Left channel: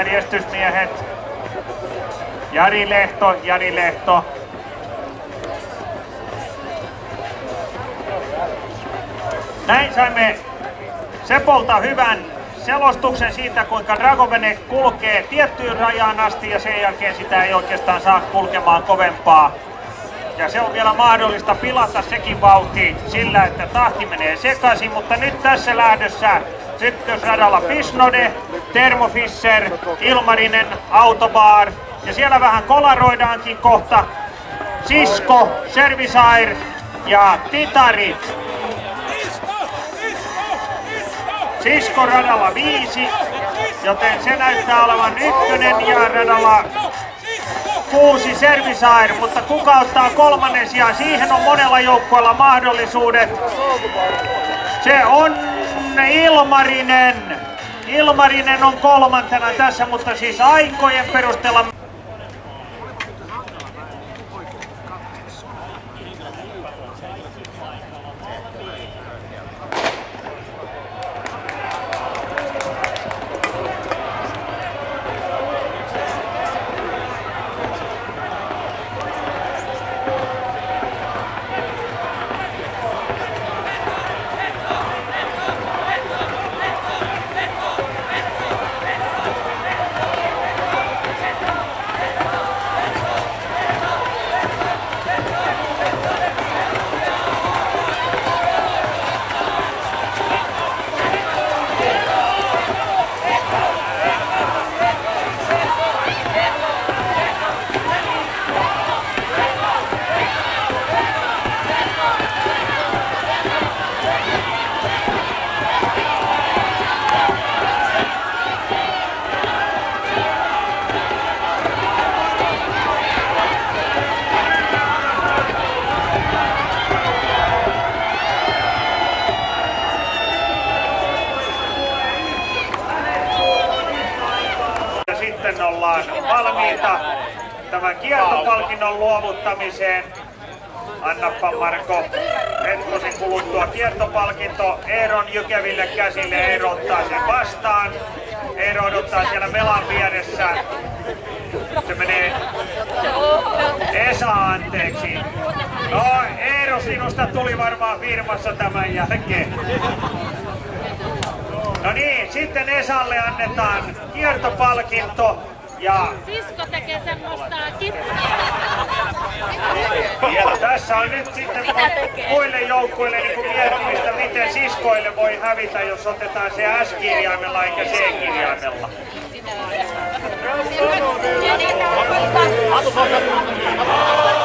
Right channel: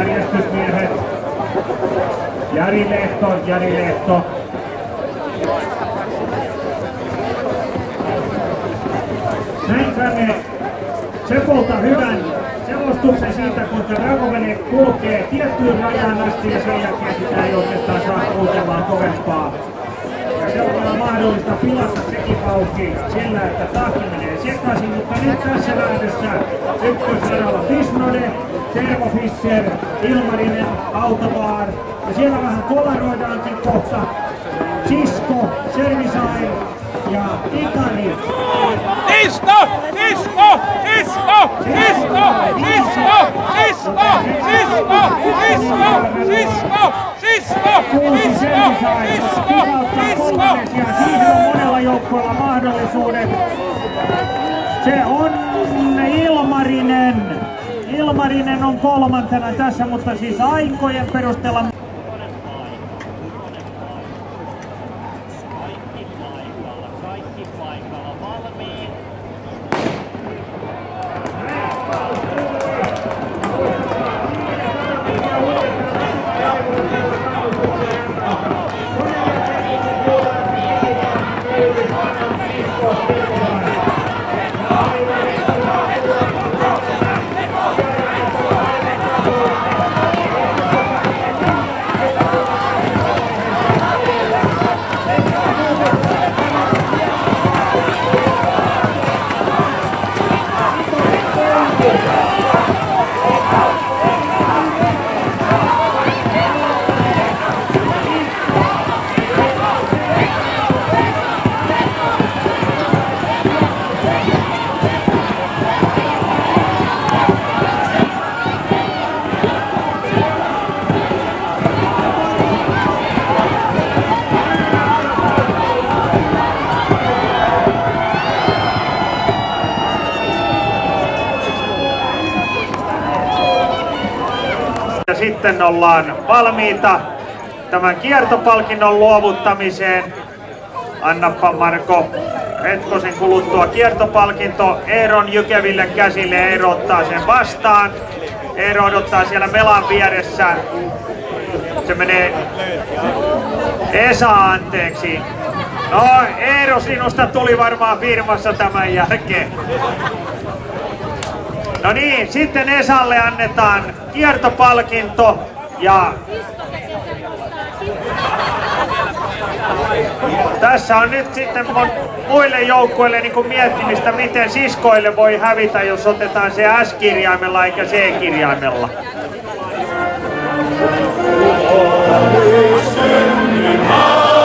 Järjestysmiehet. Jari Lehto. Näin saimme Sepolta hyvän selostuksen siitä, kuinka Dragovene kulkee tiettyyn rajaan asti ja sen jälkeen sitä ei oikeastaan saa kulkemaan kovempaa. Ja se on vielä mahdollista pilata sekin vauhti sillä, että tahti menee sekaisin, mutta nyt tässä lähdössä ykkösradalla Pisnode, Tervo Fischer, Ilmarinen, Autobar ja siellä vähän kolaroidaankin kohta Sisko, Servisair ja Titari. Sisko radalla 5, joten se näyttää olevan ykkönen ja radalla 6 Servisair, mutta kuka ottaa kolmannes ja siihen on monella joukkueella mahdollisuudet. Se on Ilmarinen. Ilmarinen on kolmantena tässä, mutta siis aikojen perusteella. Sitten ollaan valmiita tämän kiertopalkinnon luovuttamiseen. Annappa Marko hetkosen kuluttua kiertopalkinto Eeron jykeville käsille. Eero ottaa sen vastaan. Eero odottaa siellä melan vieressä. Se menee Esa anteeksi. No Eero, sinusta tuli varmaan firmassa tämän jälkeen. No niin, sitten Esalle annetaan kiertopalkinto ja Sisko tekee semmoista tässä on nyt sitten muille joukkueille niin miettimistä, miten siskoille voi hävitä, jos otetaan se S-kirjaimella eikä C-kirjaimella. kippu.